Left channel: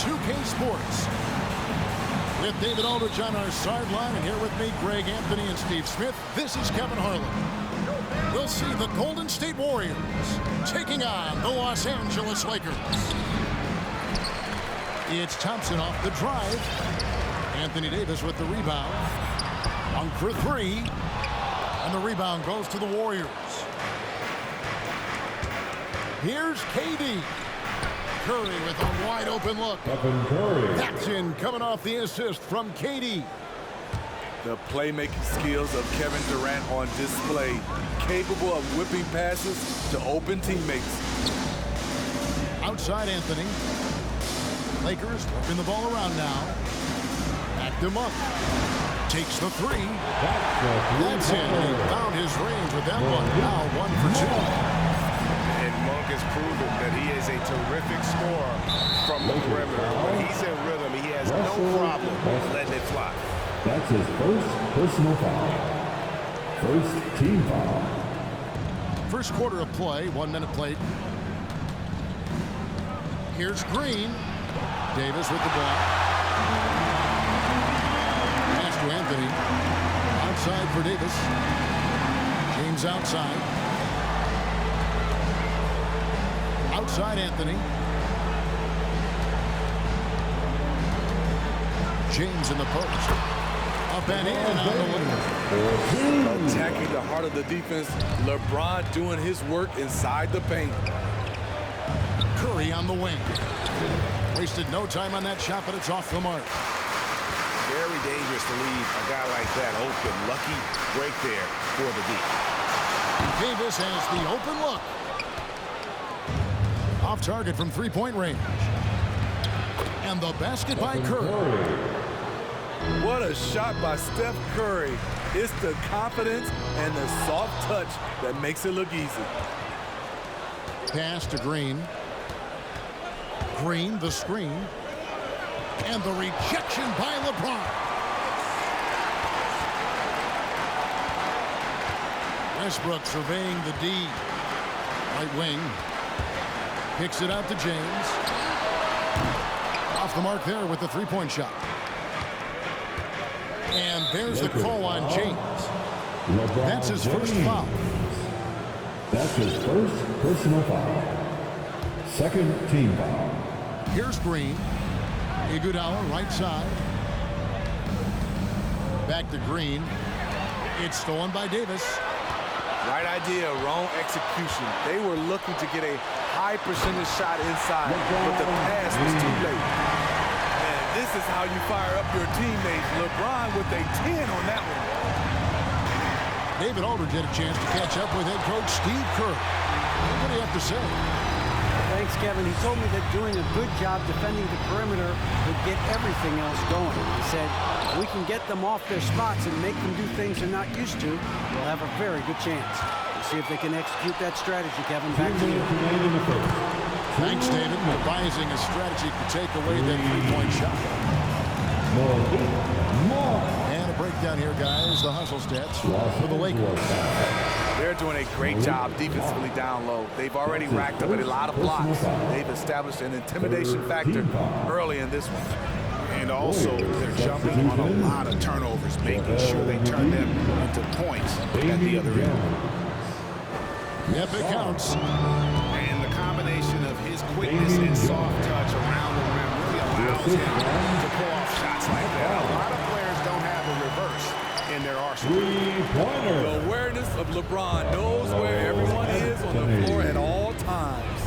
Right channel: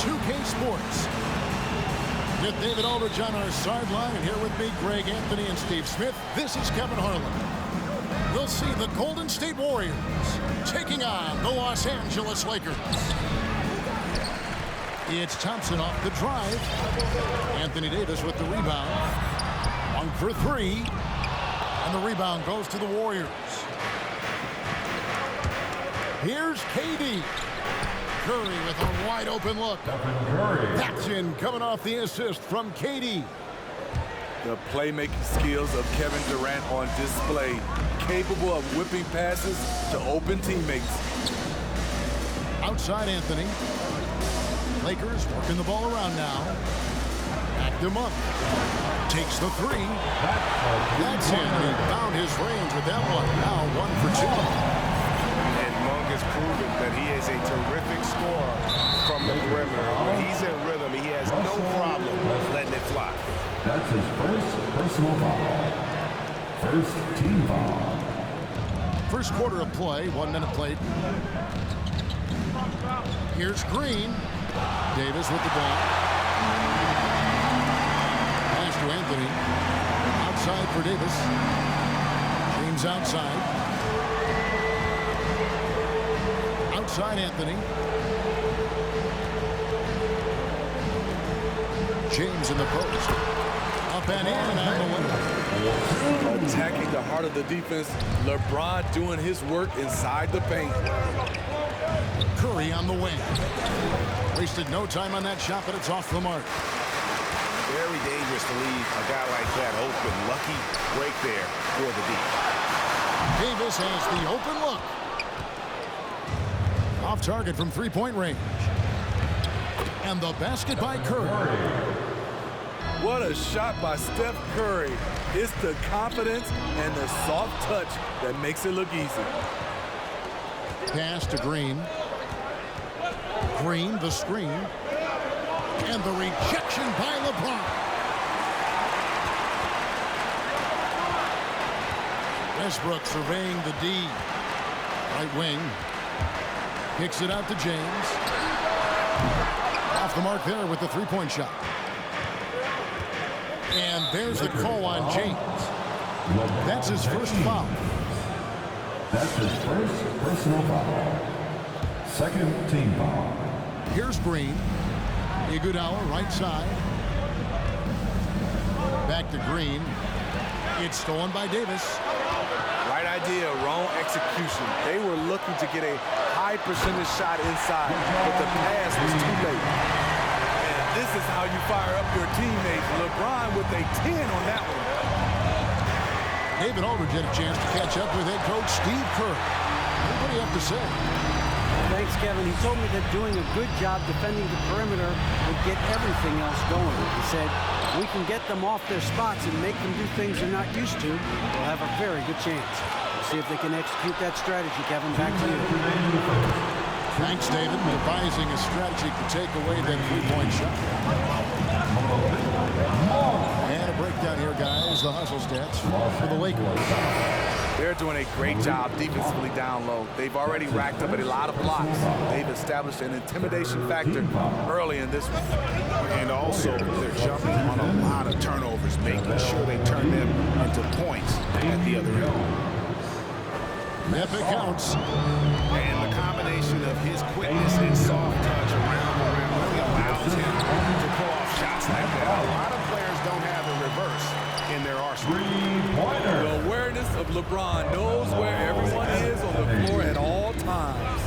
2K Sports. With David Aldridge on our sideline, and here with me, Greg Anthony and Steve Smith, this is Kevin Harlan. We'll see the Golden State Warriors taking on the Los Angeles Lakers. It's Thompson off the drive. Anthony Davis with the rebound. 1 for 3. And the rebound goes to the Warriors. Here's KD. Curry with a wide open look. Stephen Curry. That's in, coming off the assist from KD. The playmaking skills of Kevin Durant on display. Capable of whipping passes to open teammates. Outside Anthony. Lakers working the ball around now. Back to Monk. Takes the 3. That's in. And he found his range with that one. Now 1 for 2. And Monk has proven that he is a terrific scorer from the perimeter. When he's in rhythm, he has no problem letting it fly. That's his first personal foul. First team foul. First quarter of play, 1 minute played. Here's Green. Davis with the ball. Pass to Anthony. Outside for Davis. James outside. Outside Anthony. James in the post. Up and in on the wing. Attacking the heart of the defense. LeBron doing his work inside the paint. Curry on the wing. Wasted no time on that shot, but it's off the mark. Very dangerous to leave a guy like that open. Lucky break there for the D. Davis has the open look. Off target from three-point range. And the basket by Curry. What a shot by Steph Curry. It's the confidence and the soft touch that makes it look easy. Pass to Green. Green, the screen. And the rejection by LeBron. Westbrook surveying the D. Right wing. Kicks it out to James. Off the mark there with the three-point shot. And there's the call on James. That's his first foul. That's his first personal foul. Second team foul. Here's Green. Iguodala right side. Back to Green. It's stolen by Davis. Right idea, wrong execution. They were looking to get a high percentage shot inside, but the pass was too late. And this is how you fire up your teammates. LeBron with a 10 on that one. David Aldridge had a chance to catch up with head coach Steve Kerr. What do you have to say? Thanks, Kevin. He told me that doing a good job defending the perimeter would get everything else going. He said, if we can get them off their spots and make them do things they're not used to, we'll have a very good chance. We'll see if they can execute that strategy, Kevin. Back to you. Thanks, David, devising a strategy to take away that three-point shot. And a breakdown here, guys. The hustle stats for the Lakers. They're doing a great job defensively down low. They've already racked up a lot of blocks. They've established an intimidation factor early in this one. And also, they're jumping on a lot of turnovers, making sure they turn them into points at the other end. Yep, it counts. And the combination of his quickness and soft touch around the rim really allows him to pull off shots like that. A lot of players don't have the reverse in their arsenal. Three-pointer. The awareness of LeBron knows where everyone is on the floor at all times.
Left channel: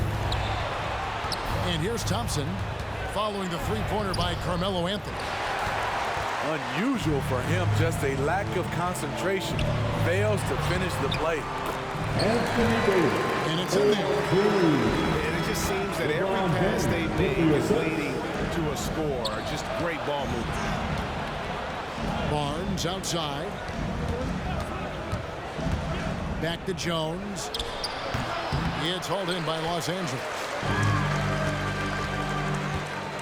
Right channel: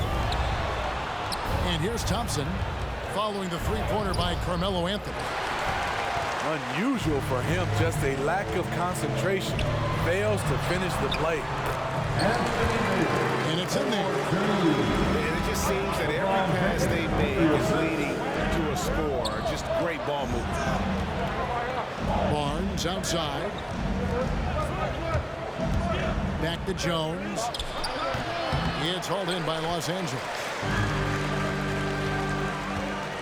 And here's Thompson following the three-pointer by Carmelo Anthony. Unusual for him, just a lack of concentration. Fails to finish the play. Anthony Davis. And it's in there. And it just seems that every pass they make is leading to a score. Just great ball movement. Barnes outside. Back to Jones. It's hauled in by Los Angeles.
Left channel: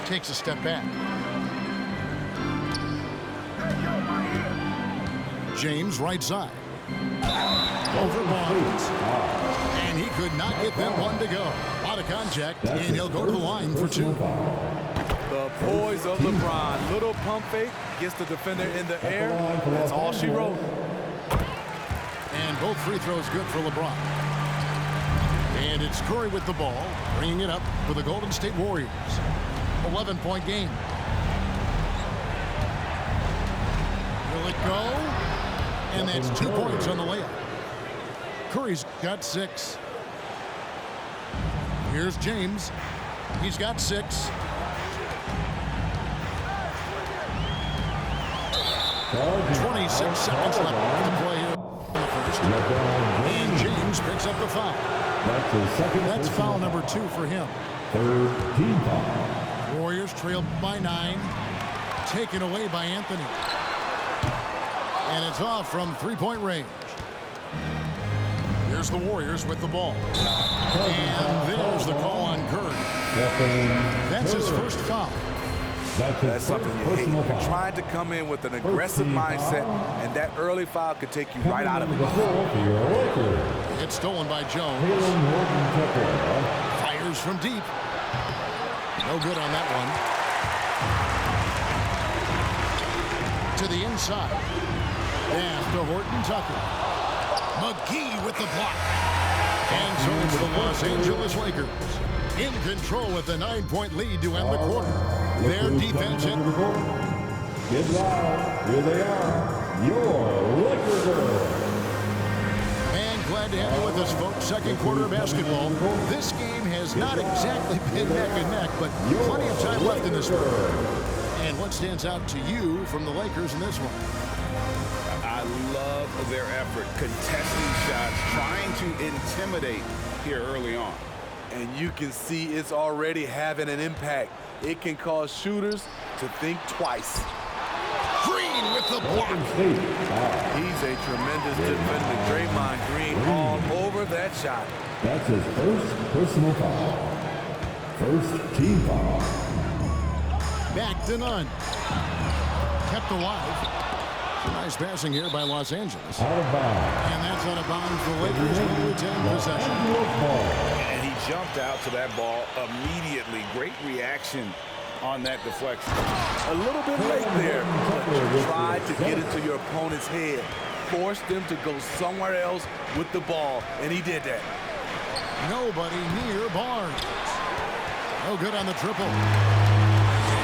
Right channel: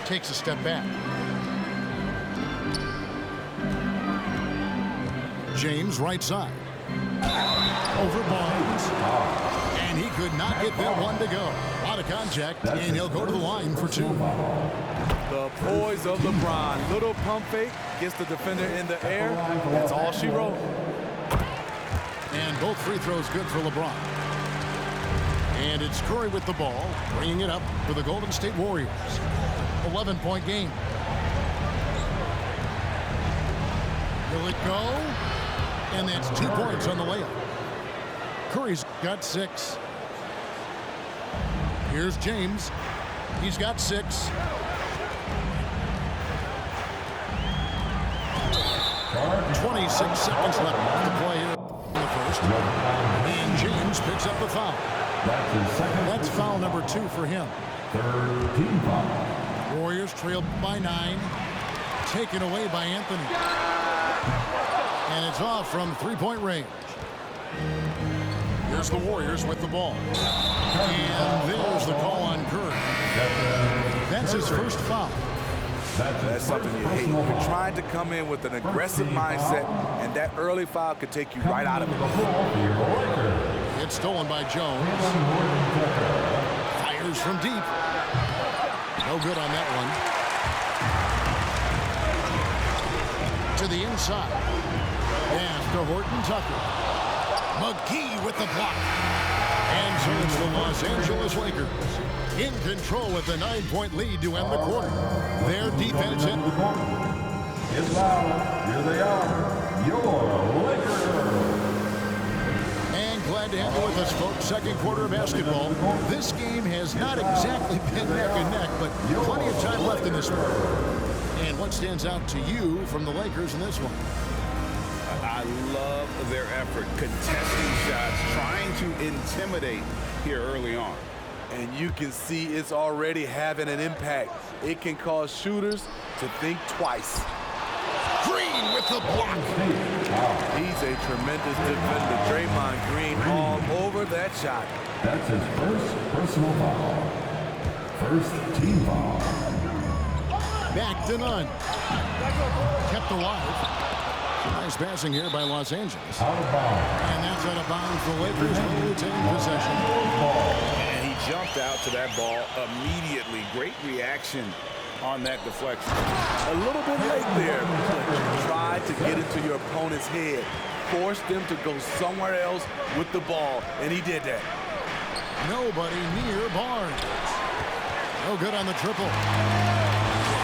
Takes a step back. James right side. Over Barnes. And he could not get that one to go. A lot of contact, and he'll go to the line for two. The poise of LeBron. Little pump fake, gets the defender in the air. That's all she wrote. And both free throws good for LeBron. And it's Curry with the ball, bringing it up for the Golden State Warriors. 11-point game. Will it go? And that's 2 points on the layup. Curry's got 6. Here's James. He's got 6. Charge. 26 seconds left to play here in the first. And James picks up the foul. That's his second. That's foul number 2 for him. Third team foul. Warriors trail by 9. Taken away by Anthony. And it's off from 3-point range. Here's the Warriors with the ball. And there's the call on Curry. That's his first foul. That's something you hate. You're trying to come in with an aggressive mindset, and that early foul could take you right out of it. It's stolen by Jones. Fires from deep. No good on that one. To the inside. Pass to Horton Tucker. McGee with the block. And so it's the Los Angeles Lakers in control with a 9-point lead to end the quarter. Their defense. Get loud. Here they are. Your Laker girls. And glad to have you with us, folks. Second quarter of basketball. This game has not exactly been neck and neck, but plenty of time left in this one. And what stands out to you from the Lakers in this one? I love their effort, contesting shots, trying to intimidate here early on. And you can see it's already having an impact. It can cause shooters to think twice. Green with the block. He's a tremendous defender. Draymond Green all over that shot. That's his first personal foul. First team foul. Back to none. Kept alive. Nice passing here by Los Angeles. Out of bounds. And that's out of bounds. The Lakers will retain possession. And he jumped out to that ball immediately. Great reaction on that deflection. A little bit late there, but you tried to get into your opponent's head. Forced them to go somewhere else with the ball, and he did that. Nobody near Barnes. No good on the triple.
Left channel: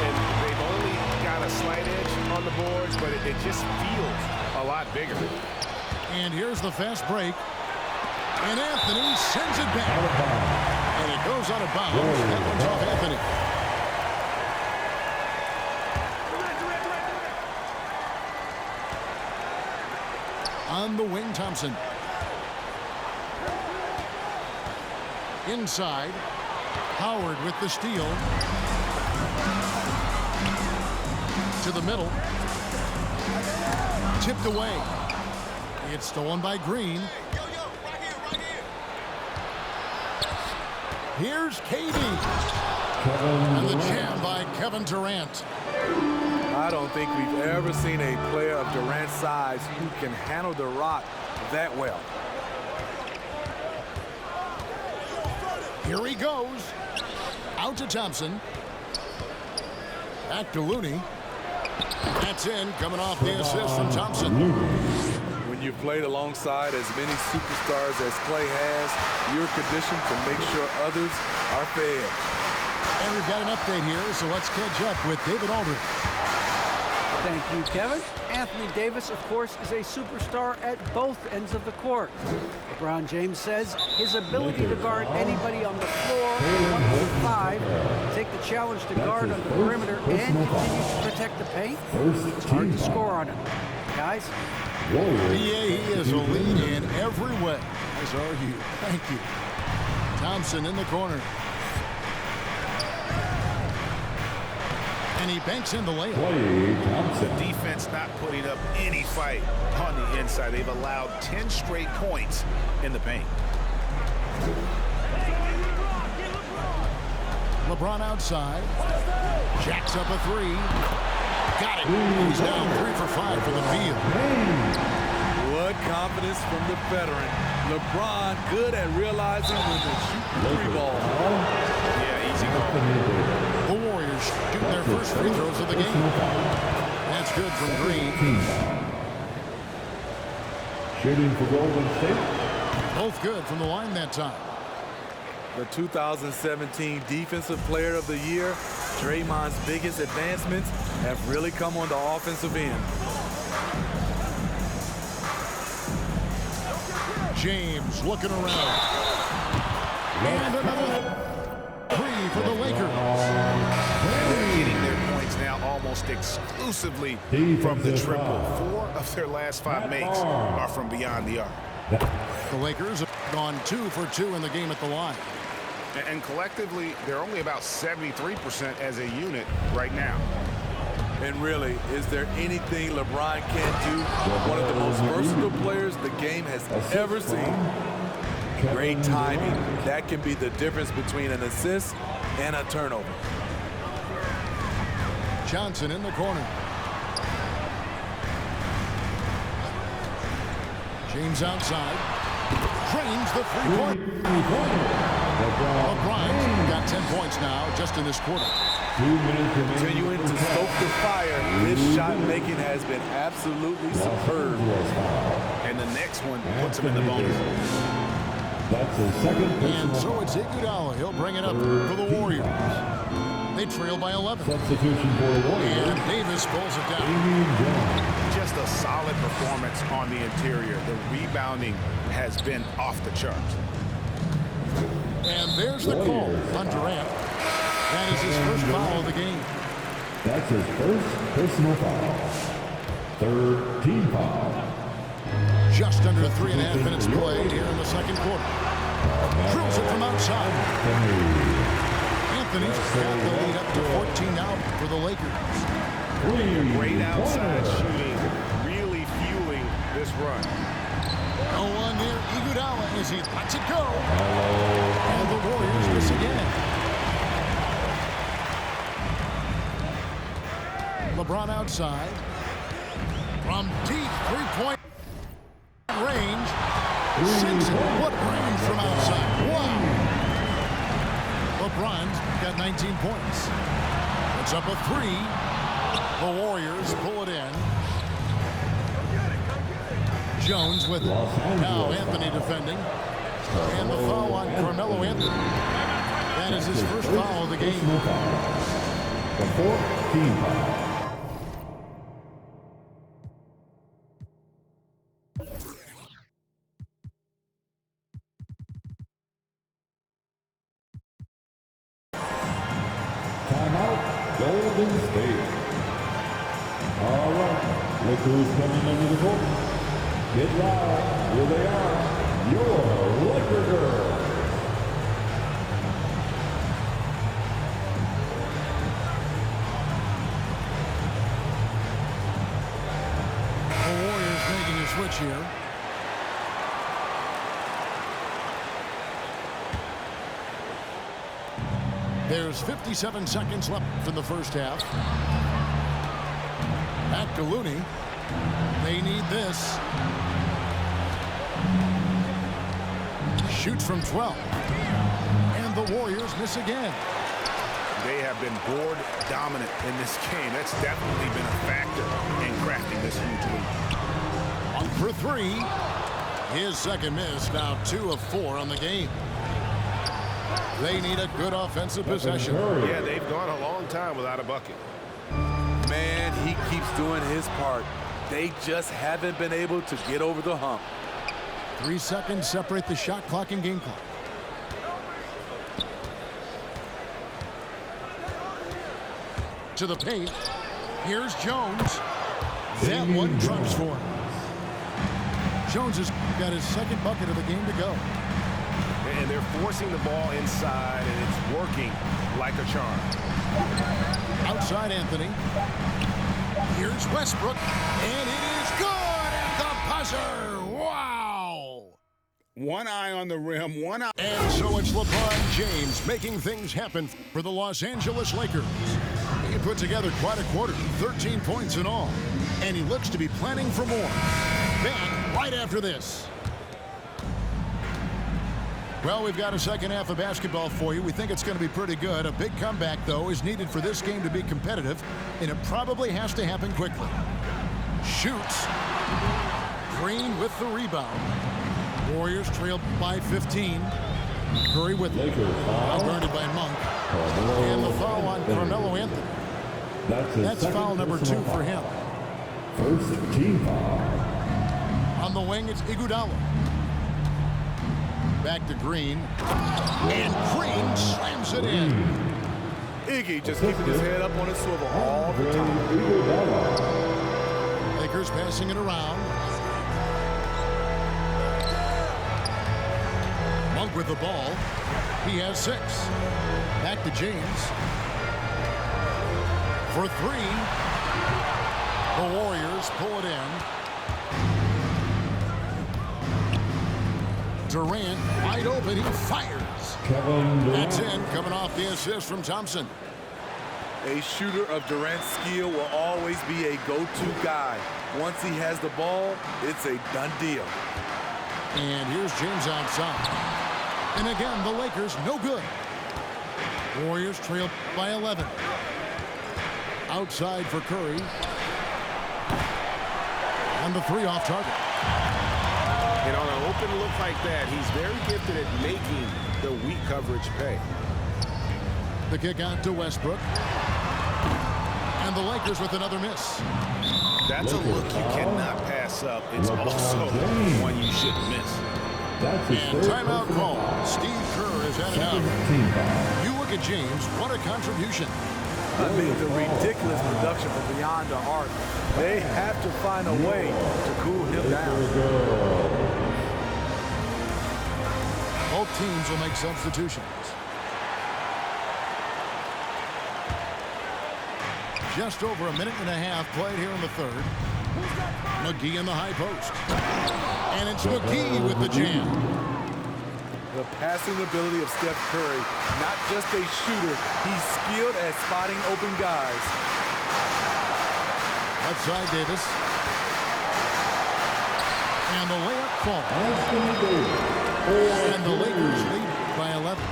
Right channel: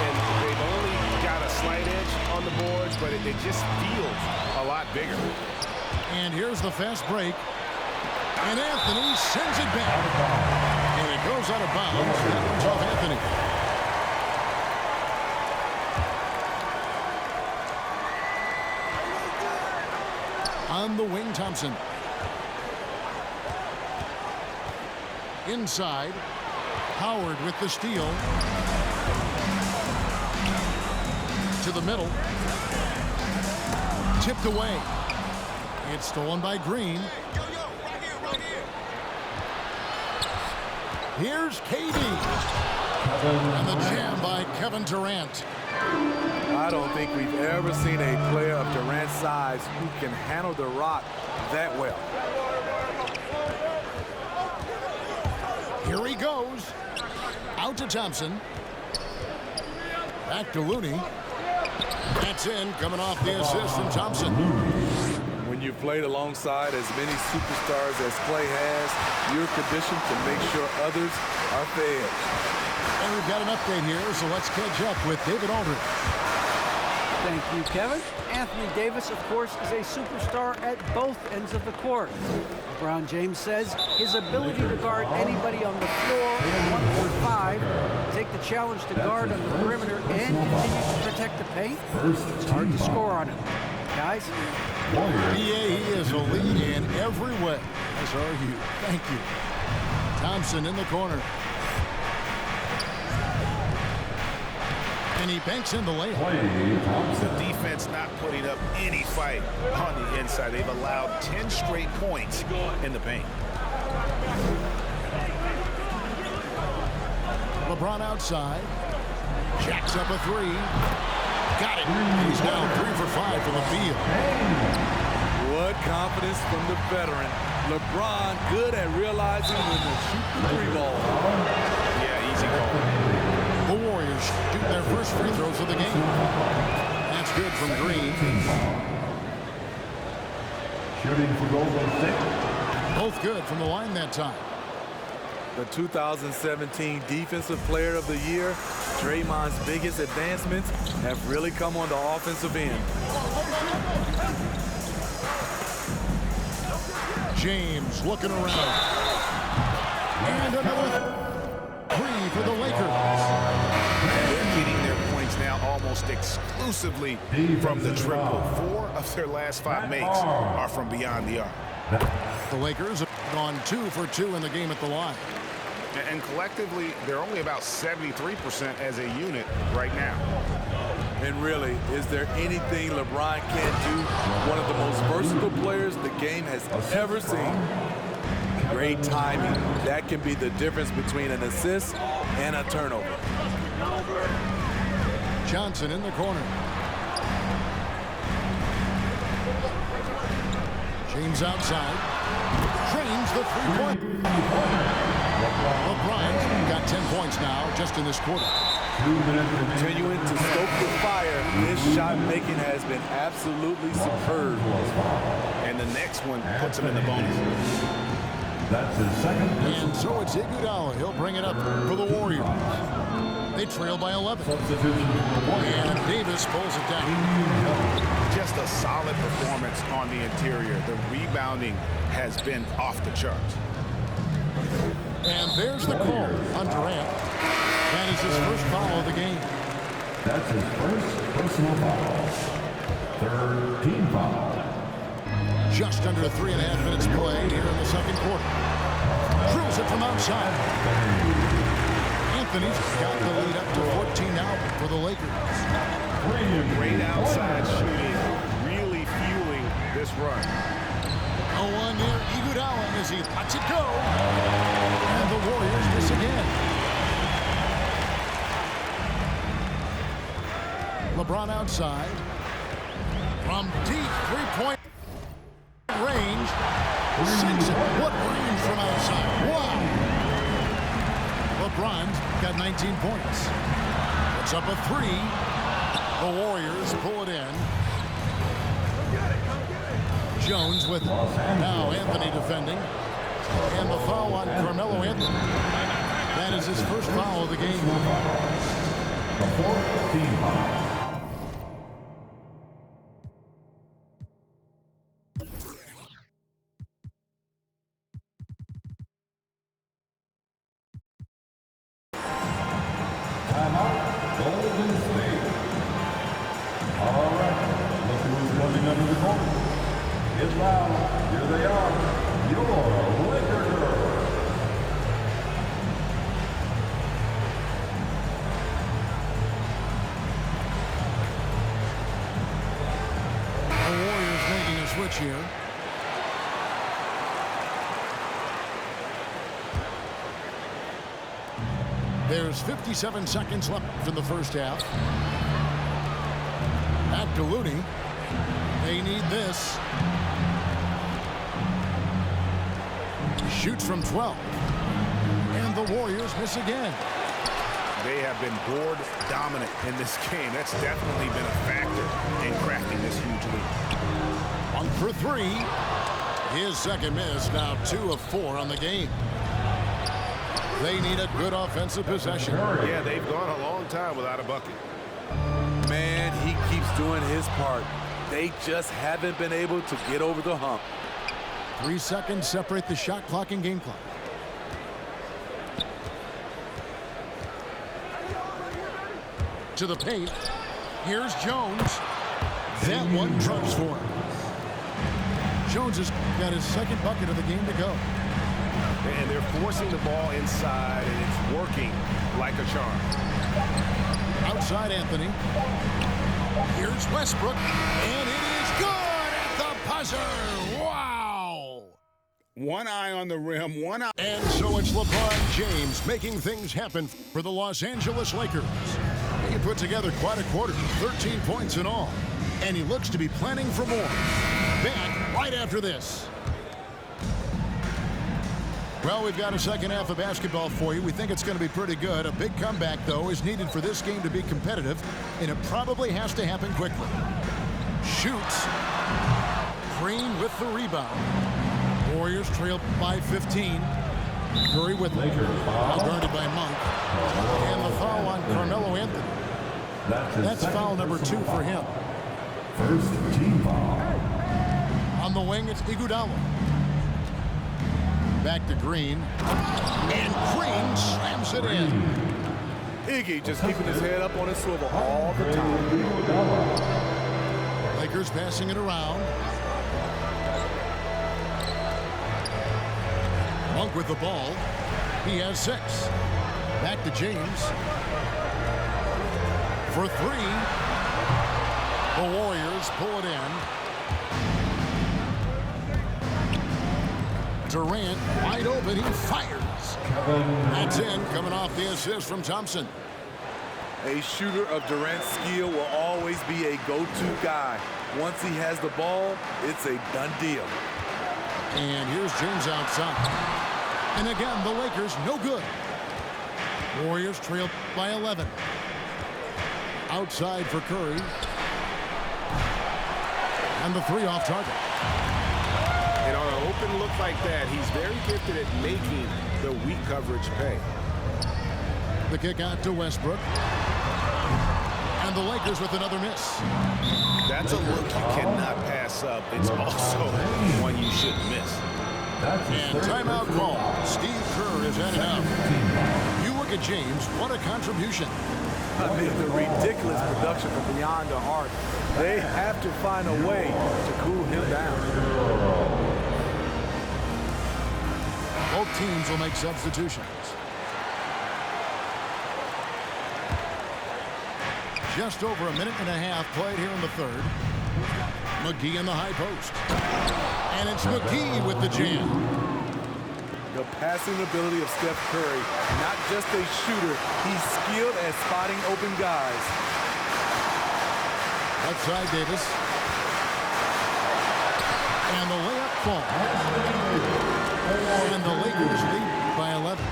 And they've only got a slight edge on the boards, but it just feels a lot bigger. And here's the fast break. And Anthony sends it back. And it goes out of bounds. That one's off Anthony. On the wing, Thompson. Inside. Howard with the steal. To the middle. Tipped away. It's stolen by Green. Here's KD. And the jam by Kevin Durant. I don't think we've ever seen a player of Durant's size who can handle the rock that well. Here he goes. Out to Thompson. Back to Looney. That's in, coming off the assist from Thompson. When you've played alongside as many superstars as Clay has, you're conditioned to make sure others are fed. And we've got an update here, so let's catch up with David Aldridge. Thank you, Kevin. Anthony Davis, of course, is a superstar at both ends of the court. LeBron James says his ability to guard anybody on the floor, 1-5, take the challenge to guard on the perimeter and continue to protect the paint, it's hard to score on him. Guys? PA, he is a lead in every way, as are you. Thank you. Thompson in the corner. And he banks in the layup. The defense not putting up any fight on the inside. They've allowed 10 straight points in the paint. LeBron outside. Jacks up a three. Got it. He's down 3 for 5 for the field. What confidence from the veteran. LeBron good at realizing when to shoot the 3 ball. Yeah, easy call. The Warriors Lakers shooting their first free throws of the game. That's good from Green. Shooting for Golden State. Both good from the line that time. The 2017 Defensive Player of the Year, Draymond's biggest advancements have really come on the offensive end. James looking around. And another three for the Lakers. They're getting their points now almost exclusively from the triple. 4 of their last 5 makes are from beyond the arc. The Lakers have gone 2 for 2 in the game at the line. And collectively, they're only about 73% as a unit right now. And really, is there anything LeBron can't do? One of the most versatile players the game has ever seen. Great timing. That can be the difference between an assist and a turnover. Johnson in the corner. James outside. Drains the three-point. LeBron's got 10 points now just in this quarter. 2 minutes remaining. Continuing to stoke the fire, his shot making has been absolutely superb. And the next one puts him in the bonus. That's his second. And so it's Iguodala. He'll bring it up for the Warriors. They trail by 11. Substitution for the Warriors. And Davis pulls it down. Damian Jones. Just a solid performance on the interior. The rebounding has been off the charts. And there's the call on Durant. That is his first foul of the game. That's his first personal foul. Third team foul. Just under 3.5 minutes played here in the second quarter. Drills it from outside. Anthony's got the lead up to 14 now for the Lakers. Great outside shooting, really fueling this run. No one near Iguodala as he lets it go. And the Warriors miss again. LeBron outside. From deep three-point range. Sinks it. What range from outside. Wow. LeBron's got 19 points. Puts up a 3. The Warriors pull it in. Jones with it. Now Anthony defending. And the foul on Carmelo Anthony. That is his first foul of the game. The fourth team foul. Timeout, Golden State. All right, look who's coming under the court. Get loud. Here they are, your Laker girls. The Warriors making a switch here. There's 57 seconds left in the first half. Back to Looney. They need this. Shoots from 12. And the Warriors miss again. They have been board dominant in this game. That's definitely been a factor in crafting this huge lead. 1 for 3. His second miss, now 2 of 4 on the game. They need a good offensive possession. Yeah, they've gone a long time without a bucket. Man, he keeps doing his part. They just haven't been able to get over the hump. 3 seconds separate the shot clock and game clock. To the paint. Here's Jones. That one drops for him. Jones has got his second bucket of the game to go. And they're forcing the ball inside, and it's working like a charm. Outside Anthony. Here's Westbrook. And it is good at the buzzer. Wow. One eye on the rim, one eye. And so it's LeBron James making things happen for the Los Angeles Lakers. He put together quite a quarter, 13 points in all. And he looks to be planning for more. Back right after this. Well, we've got a second half of basketball for you. We think it's going to be pretty good. A big comeback, though, is needed for this game to be competitive, and it probably has to happen quickly. Shoots. Green with the rebound. Warriors trail by 15. Curry with it. Now guarded by Monk. And the foul on Carmelo Anthony. That's foul number 2 for him. First team foul. On the wing, it's Iguodala. Back to Green. And Green slams it in. Iggy just keeping his head up on his swivel all the time. Lakers passing it around. Monk with the ball. He has 6. Back to James. For 3. The Warriors pull it in. Durant wide open. He fires. That's in, coming off the assist from Thompson. A shooter of Durant's skill will always be a go-to guy. Once he has the ball, it's a done deal. And here's James outside. And again, the Lakers no good. Warriors trail by 11. Outside for Curry. And the 3 off target. And on an open look like that, he's very gifted at making the weak coverage pay. The kick out to Westbrook. And the Lakers with another miss. That's a look you cannot pass up. It's also one you shouldn't miss. And timeout call. Steve Kerr has had enough. You look at James, what a contribution. I mean, the ridiculous production from beyond the arc. They have to find a way to cool him down. Both teams will make substitutions. Just over a minute and a half played here in the third. McGee in the high post. And it's McGee with the jam. The passing ability of Steph Curry, not just a shooter, he's skilled at spotting open guys. Left side, Davis. And the layup falls. And the Lakers lead by 11.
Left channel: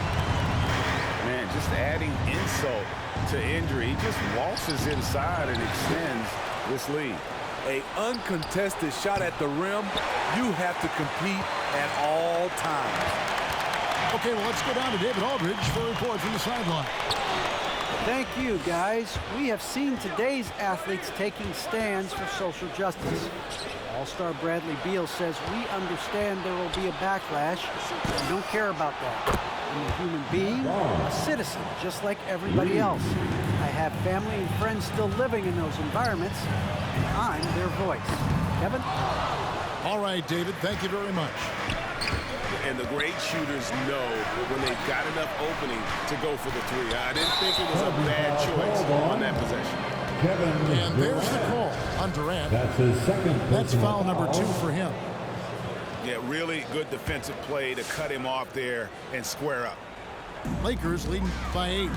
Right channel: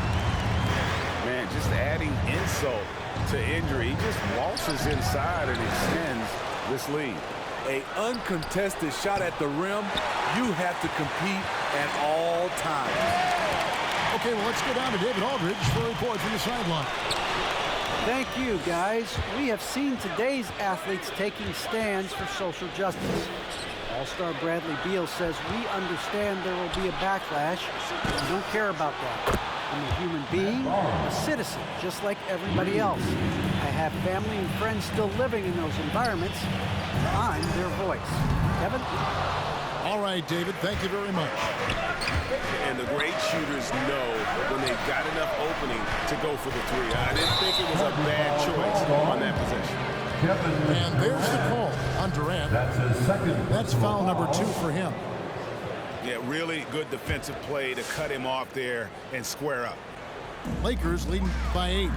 Man, just adding insult to injury. He just waltzes inside and extends this lead. An uncontested shot at the rim, you have to compete at all times. Okay, well, let's go down to David Aldridge for a report from the sideline. Thank you, guys. We have seen today's athletes taking stands for social justice. All-star Bradley Beal says, we understand there will be a backlash, and we don't care about that. I'm a human being, a citizen, just like everybody else. I have family and friends still living in those environments, and I'm their voice. Kevin? All right, David, thank you very much. And the great shooters know when they've got enough opening to go for the 3. I didn't think it was a bad choice on that possession. And there's the call on Durant. That's his second. That's foul number 2 for him. Yeah, really good defensive play to cut him off there and square up. Lakers leading by 8.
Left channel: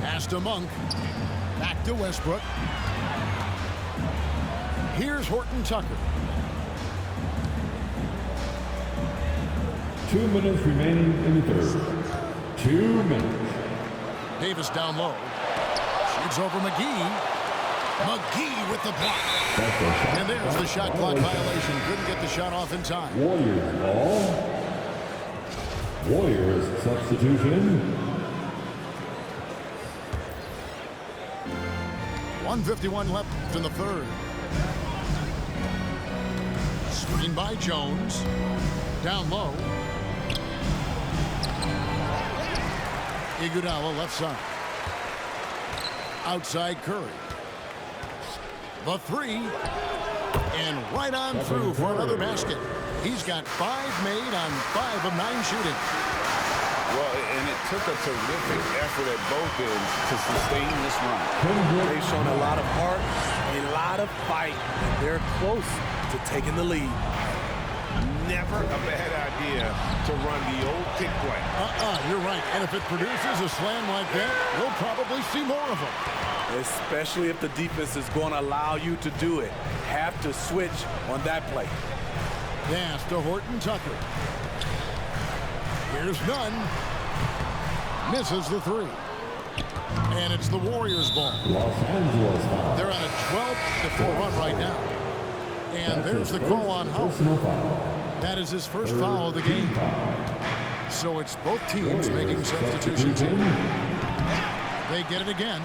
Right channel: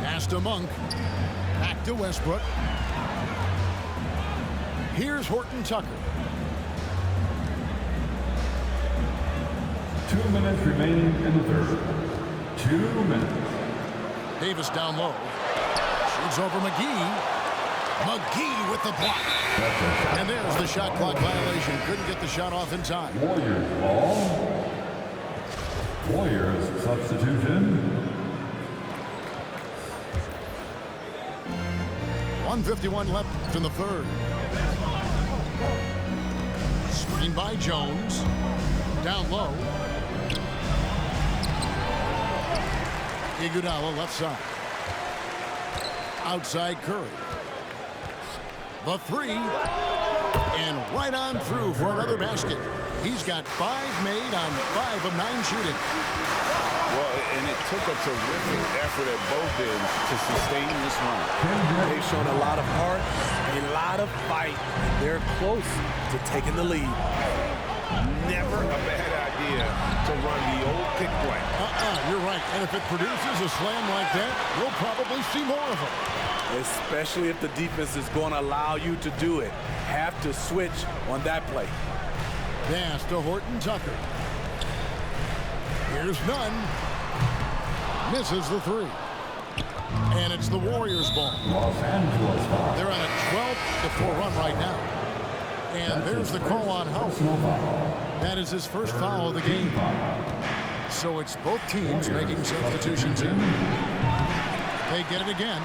Pass to Monk. Back to Westbrook. Here's Horton Tucker. 2 minutes remaining in the third. 2 minutes. Davis down low. Shoots over McGee. McGee with the block. And there's the shot clock violation. Couldn't get the shot off in time. Warriors ball. Warriors substitution. 1:51 left in the third. Screen by Jones. Down low. Iguodala left side. Outside Curry. The 3. And right on through for another basket. He's got 5 made on 5 of 9 shooting. Well, and it took a terrific effort at both ends to sustain this run. They've shown a lot of heart, a lot of fight, and they're close to taking the lead. Never a bad idea to run the old pick play. You're right. And if it produces a slam like that, we'll probably see more of them. Especially if the defense is going to allow you to do it. Have to switch on that play. Pass to Horton Tucker. Here's none. Misses the three. And it's the Warriors' ball. Los Angeles foul. They're on a 12-4 run right now. And there's the call on Howard. That is his first foul of the game. So it's both teams making substitutions here. They get it again.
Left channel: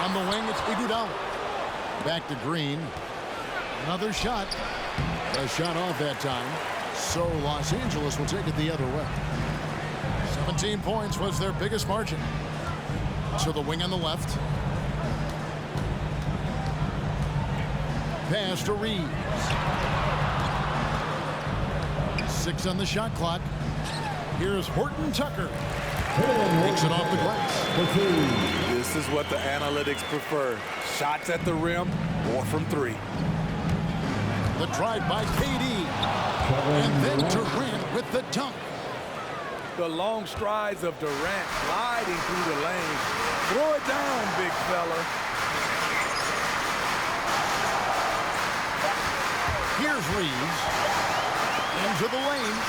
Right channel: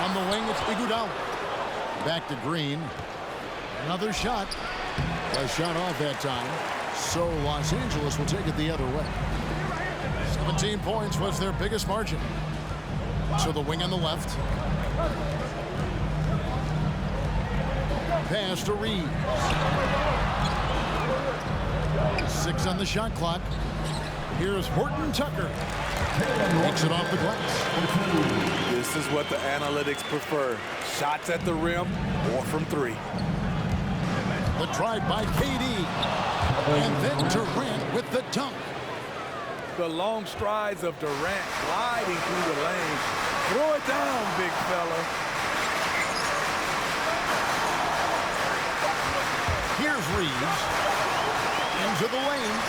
On the wing, it's Iguodala. Back to Green. Another shot. A shot off that time. So Los Angeles will take it the other way. 17 points was their biggest margin. So the wing on the left. Pass to Reeves. 6 on the shot clock. Here's Horton Tucker. Takes it off the glass. This is what the analytics prefer. Shots at the rim or from three. The drive by KD. And then Durant with the dunk. The long strides of Durant gliding through the lane. Throw it down, big fella. Here's Reeves. Into the lane.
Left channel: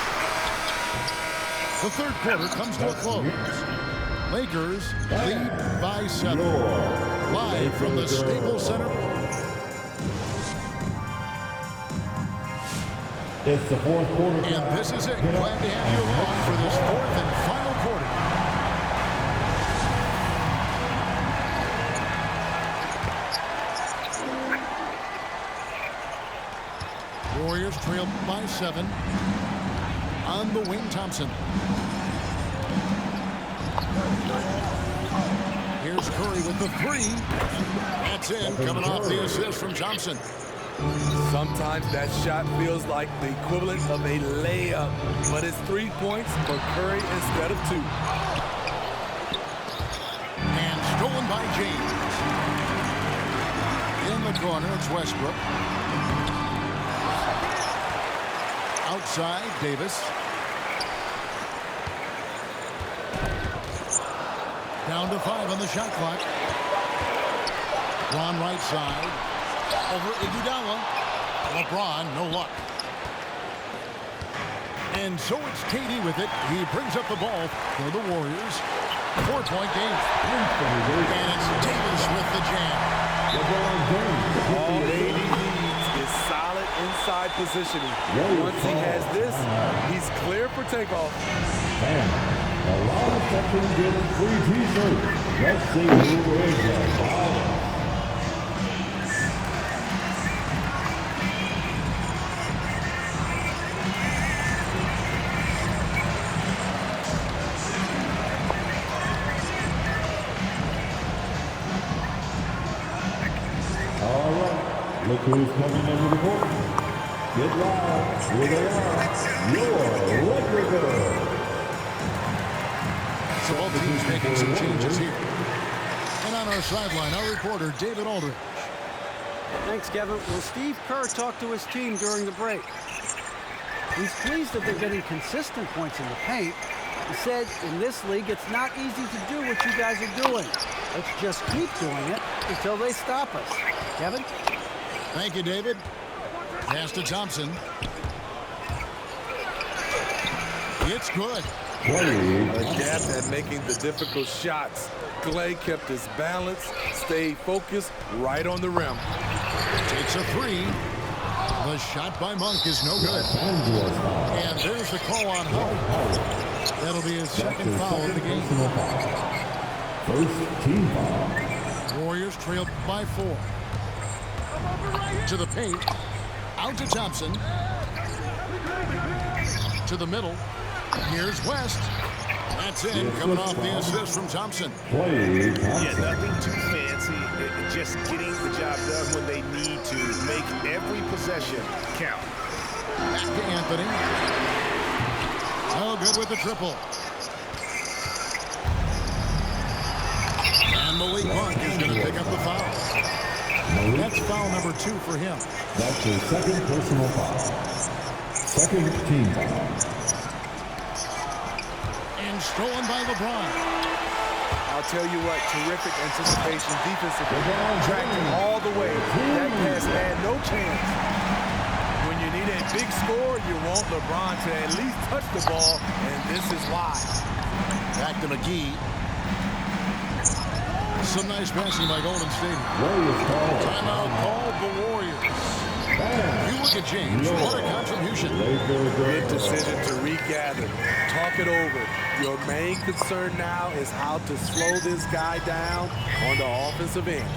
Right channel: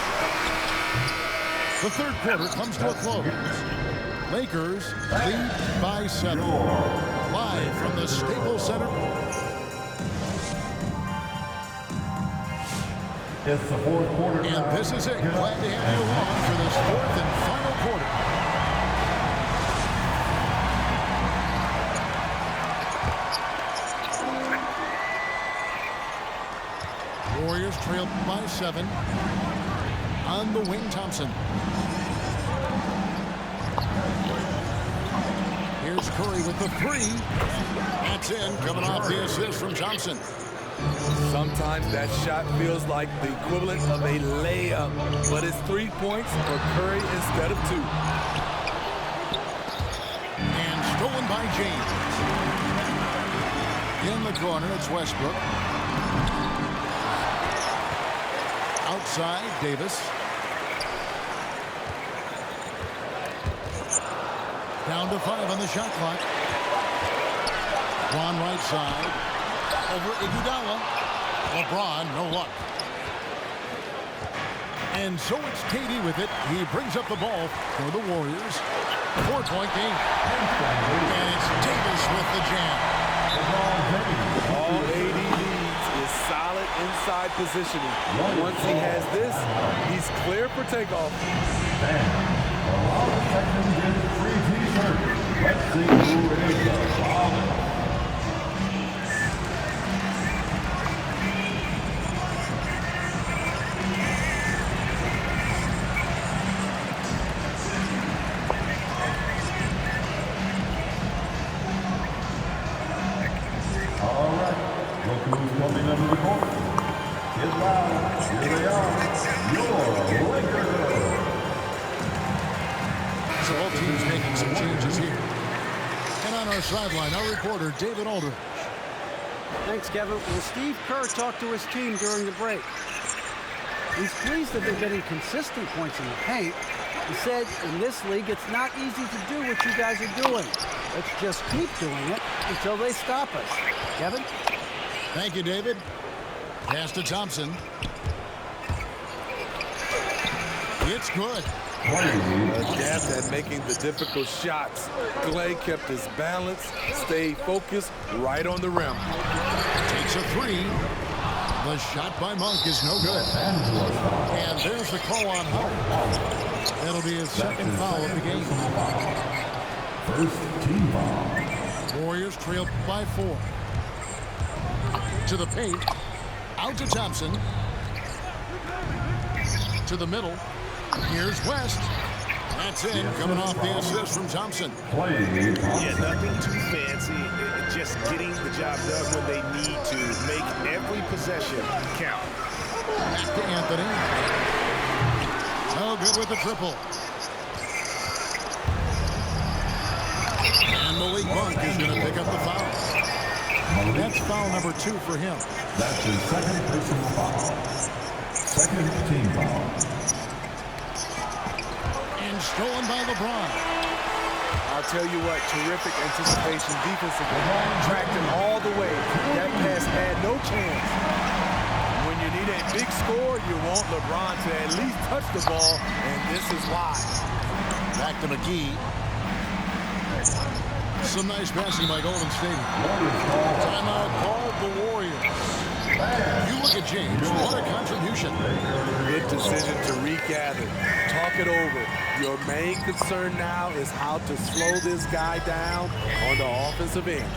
The third quarter comes to a close. Lakers lead by 7. Live from the Staples Center. It's the fourth quarter. And this is it. Glad to have you along for this fourth and final quarter. Warriors trail by 7. On the wing, Thompson. Here's Curry with the 3. That's in, coming off the assist from Thompson. Sometimes that shot feels like the equivalent of a layup, but it's 3 points for Curry instead of 2. And stolen by James. In the corner, it's Westbrook. Outside, Davis. Down to 5 on the shot clock. LeBron right side. Over Iguodala. LeBron, no luck. And so it's KD with it. He brings up the ball for the Warriors. 4-point game. And it's Davis with the jam. All AD needs is solid inside positioning. Once he has this, he's clear for takeoff. The Rollins section gets free t-shirts. Let's see who is the Rollins. All right, look who's coming under the court. Get loud. Here they are. Your Laker girls. So both teams making some changes here. And on our sideline, our reporter, David Aldridge. Thanks, Kevin. Well, Steve Kerr talked to his team during the break. He's pleased that they're getting consistent points in the paint. He said, in this league, it's not easy to do what you guys are doing. Let's just keep doing it until they stop us. Kevin? Thank you, David. Pass to Thompson. It's good. Adept at making the difficult shots. Clay kept his balance, stayed focused right on the rim. Takes a 3. The shot by Monk is no good. And there's the call on Howard. That'll be his second foul of the game. First team foul. Warriors trail by 4. To the paint. Out to Thompson. To the middle. Here's West. That's in, coming off the assist from Thompson. Yeah, nothing too fancy. Just getting the job done when they need to. Make every possession count. Back to Anthony. No good with the triple. And Malik Monk is going to pick up the foul. That's foul number 2 for him. That's his second personal foul. Second team foul. And stolen by LeBron. I'll tell you what, terrific anticipation defensively. Tracked it all the way. That pass had no chance. When you need a big score, you want LeBron to at least touch the ball, and this is why. Back to McGee. Some nice passing by Golden State. Timeout called the Warriors. You look at James. What a contribution. Good decision to regather. Talk it over. Your main concern now is how to slow this guy down on the offensive end.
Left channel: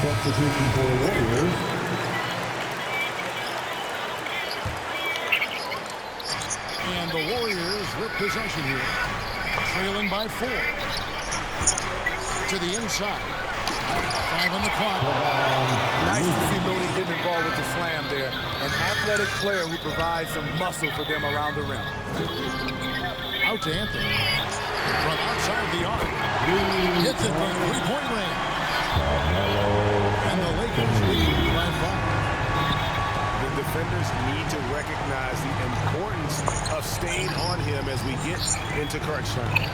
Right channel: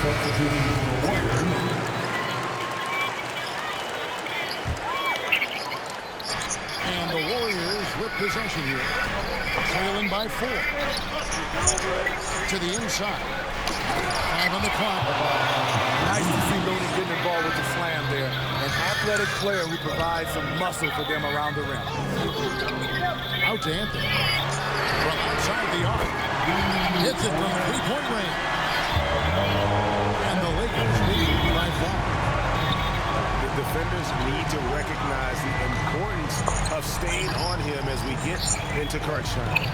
Substitution for the Warriors. And the Warriors with possession here. Trailing by 4. To the inside. 5 on the clock. Nice to see Looney getting involved with the slam there. An athletic player who provides some muscle for them around the rim. Out to Anthony. From outside the arc. Hits it from three-point range. And the Lakers lead by 5. The defenders need to recognize the importance of staying on him as we get into crunch time.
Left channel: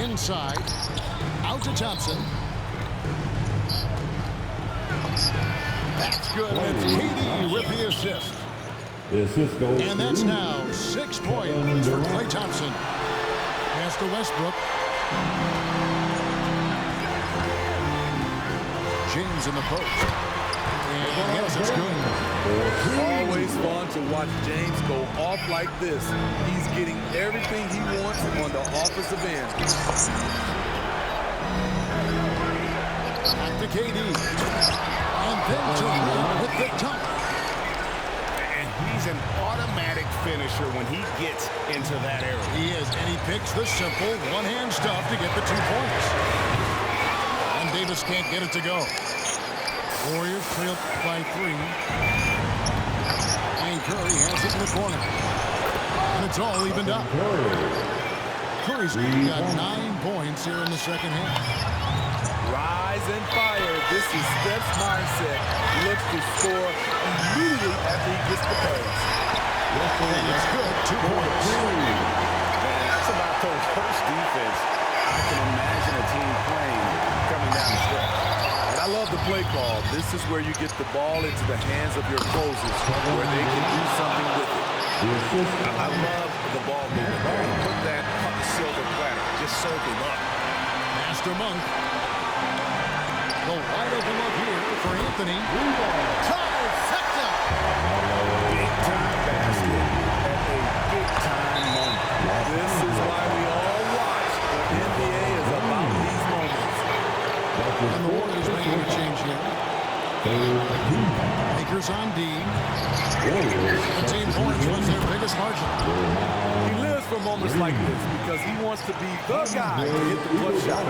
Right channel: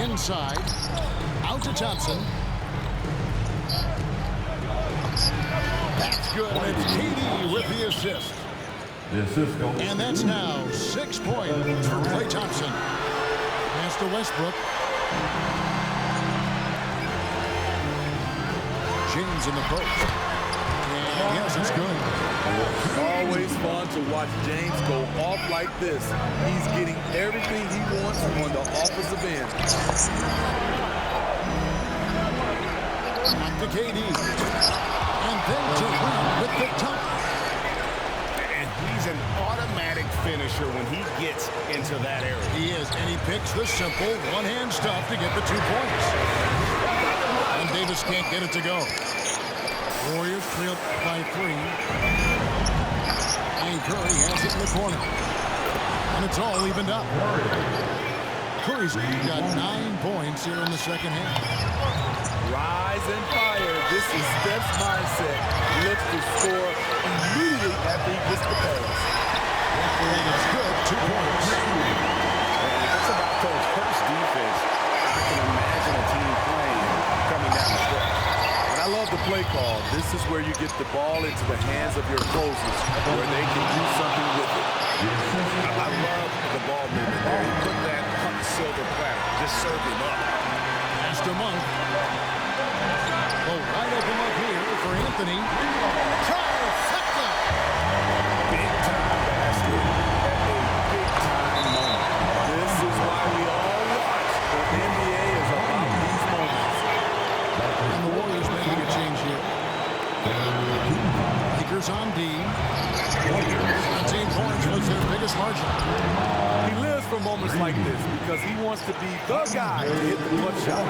Inside. Out to Thompson. That's good. And it's KD with the assist. The assist goes. And that's now 6 points for Klay Thompson. Pass to Westbrook. James in the post. And yes, it's good. Always fun to watch James go off like this. He's getting everything he wants on the offensive end. Back to KD. And then to Green with the dunk. And he's an automatic finisher when he gets into that area. He is, and he picks the simple one-hand stuff to get the 2 points. And Davis can't get it to go. Warriors trail by 3. And Curry has it in the corner. And it's all evened up. Curry's got 9 points here in the second half. Rise and fire. This is Steph's mindset. Looks to score immediately after he gets the pass. And it's good. 2 points. And that's about the worst defense I can imagine a team playing coming down the stretch. And I love the play call. This is where you get the ball into the hands of your closers, where they can do something with it. I love the ball movement there. He put that on the silver platter. Just served him up. Master Monk. The wide open look here for Anthony. Trifecta. Big time basket at a big time moment. This is why we all watch. The NBA is about these moments. And the Warriors making a change here. Lakers on D. 17 points was their biggest margin. He lives for moments like this because he wants to be the guy to hit the clutch shot.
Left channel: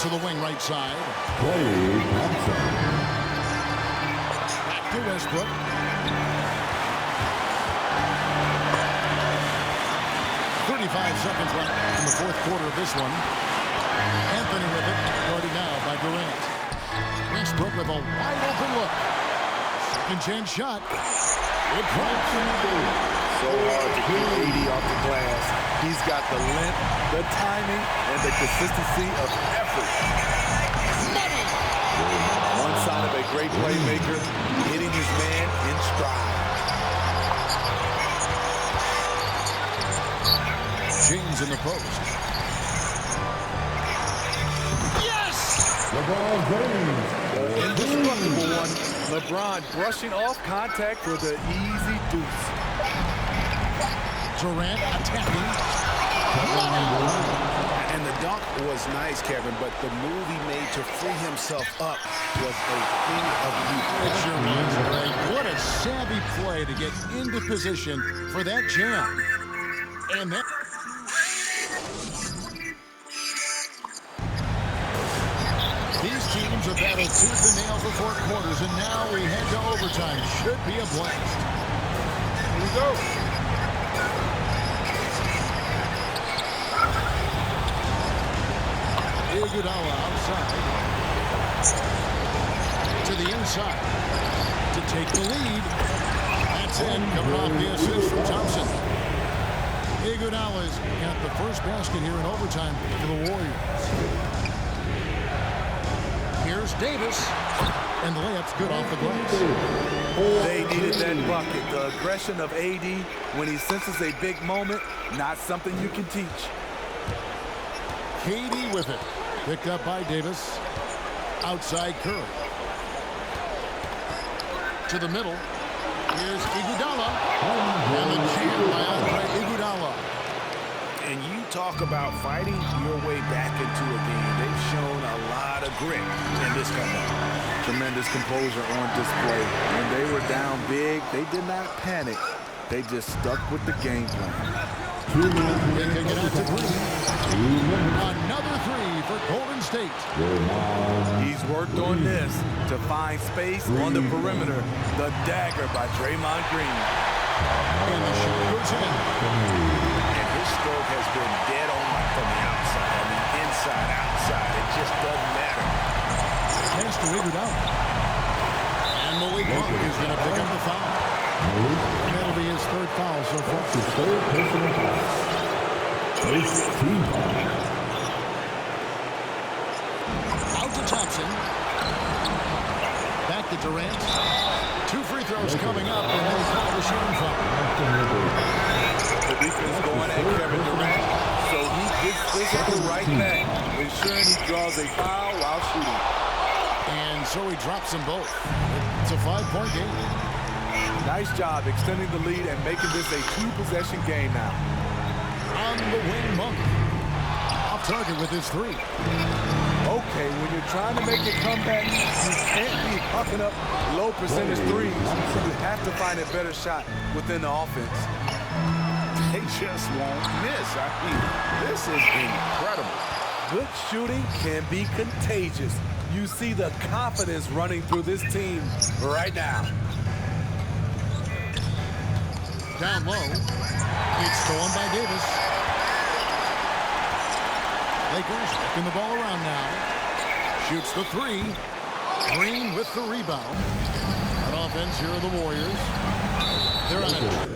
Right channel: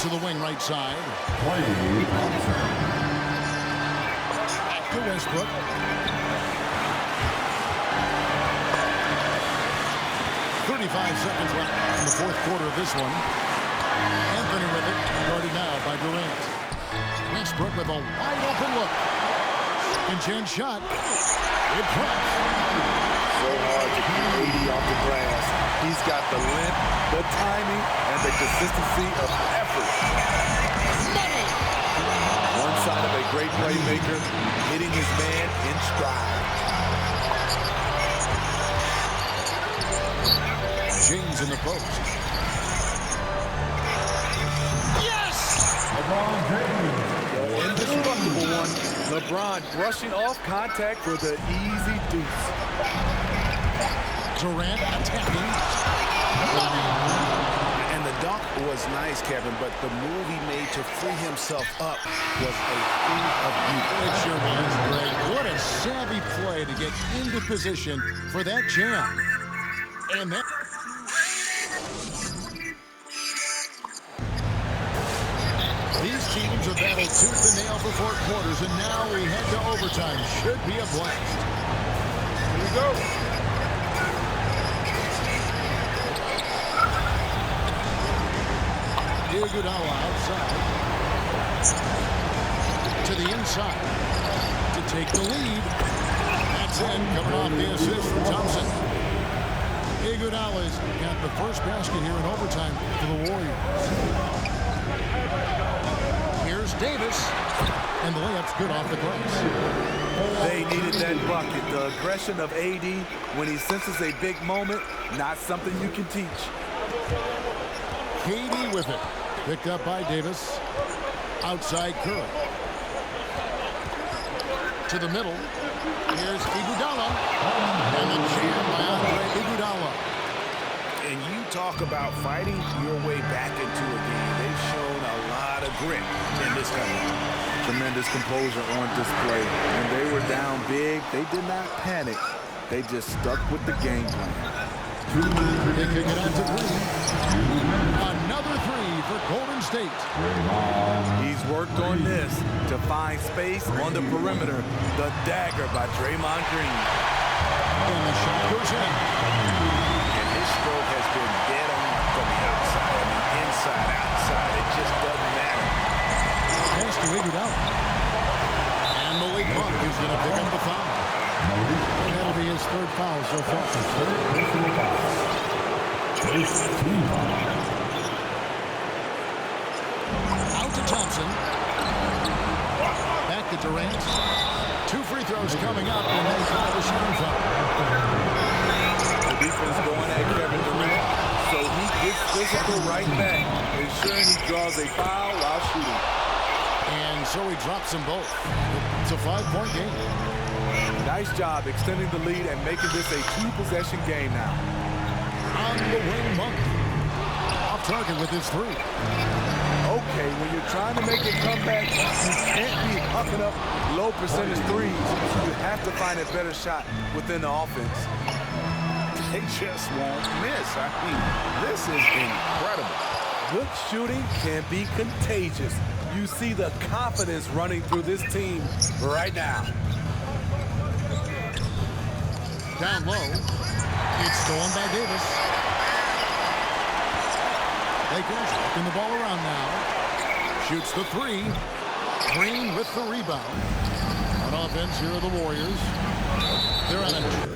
To the wing right side. Klay Thompson. Back to Westbrook. .35 seconds left in the fourth quarter of this one. Anthony with it, guarded now by Durant. Westbrook with a wide open look. Second chance shot. It drops. So hard to keep AD off the glass. He's got the length, the timing, and the consistency of effort. Money! One side of a great playmaker, hitting his man in stride. James in the post. Yes! LeBron James. The indestructible one. LeBron brushing off contact for the easy deuce. Durant attacking. Money! And the dunk was nice, Kevin, but the move he made to free himself up was a thing of beauty. It sure was, Greg. What a savvy play to get into position for that jam. And that... These teams have battled tooth and nail for 4 quarters, and now we head to overtime. Should be a blast. Here we go. Iguodala outside. To the inside. To take the lead. That's in. Coming off the assist from Thompson. Iguodala's got the first basket here in overtime for the Warriors. Here's Davis. And the layup's good off the glass. They needed that bucket. The aggression of AD when he senses a big moment, not something you can teach. Katie with it. Picked up by Davis. Outside Curry. To the middle. Here's Iguodala. And the jam by Andre Iguodala. And you talk about fighting your way back into a game. They've shown a lot of grit in this comeback. Tremendous composure on display. When they were down big, they did not panic. They just stuck with the game plan. They kick it out to Green. Another three for Golden State. He's worked on this to find space on the perimeter. The dagger by Draymond Green. And the shot goes in. And his stroke has been dead on from the outside. I mean, inside, outside, it just doesn't matter. Pass to Iguodala. And Malik Monk is going to pick up the foul. And that'll be his third foul so far. His third personal foul. First team foul. Out to Thompson. Back to Durant. 2 free throws coming up, and they call the shooting foul. The defense going at Kevin Durant, so he gets physical right back, ensuring he draws a foul while shooting. And so he drops them both. It's a 5-point game. Nice job extending the lead and making this a 2-possession game now. On the wing, Monk. Off target with his 3. Okay, when you're trying to make a comeback, you can't be hucking up low percentage threes. You have to find a better shot within the offense. They just won't miss. I mean, this is incredible. Good shooting can be contagious. You see the confidence running through this team right now. Down low. It's stolen by Davis. Lakers working the ball around now. Shoots the 3. Green with the rebound. On offense, here are the Warriors. They're on a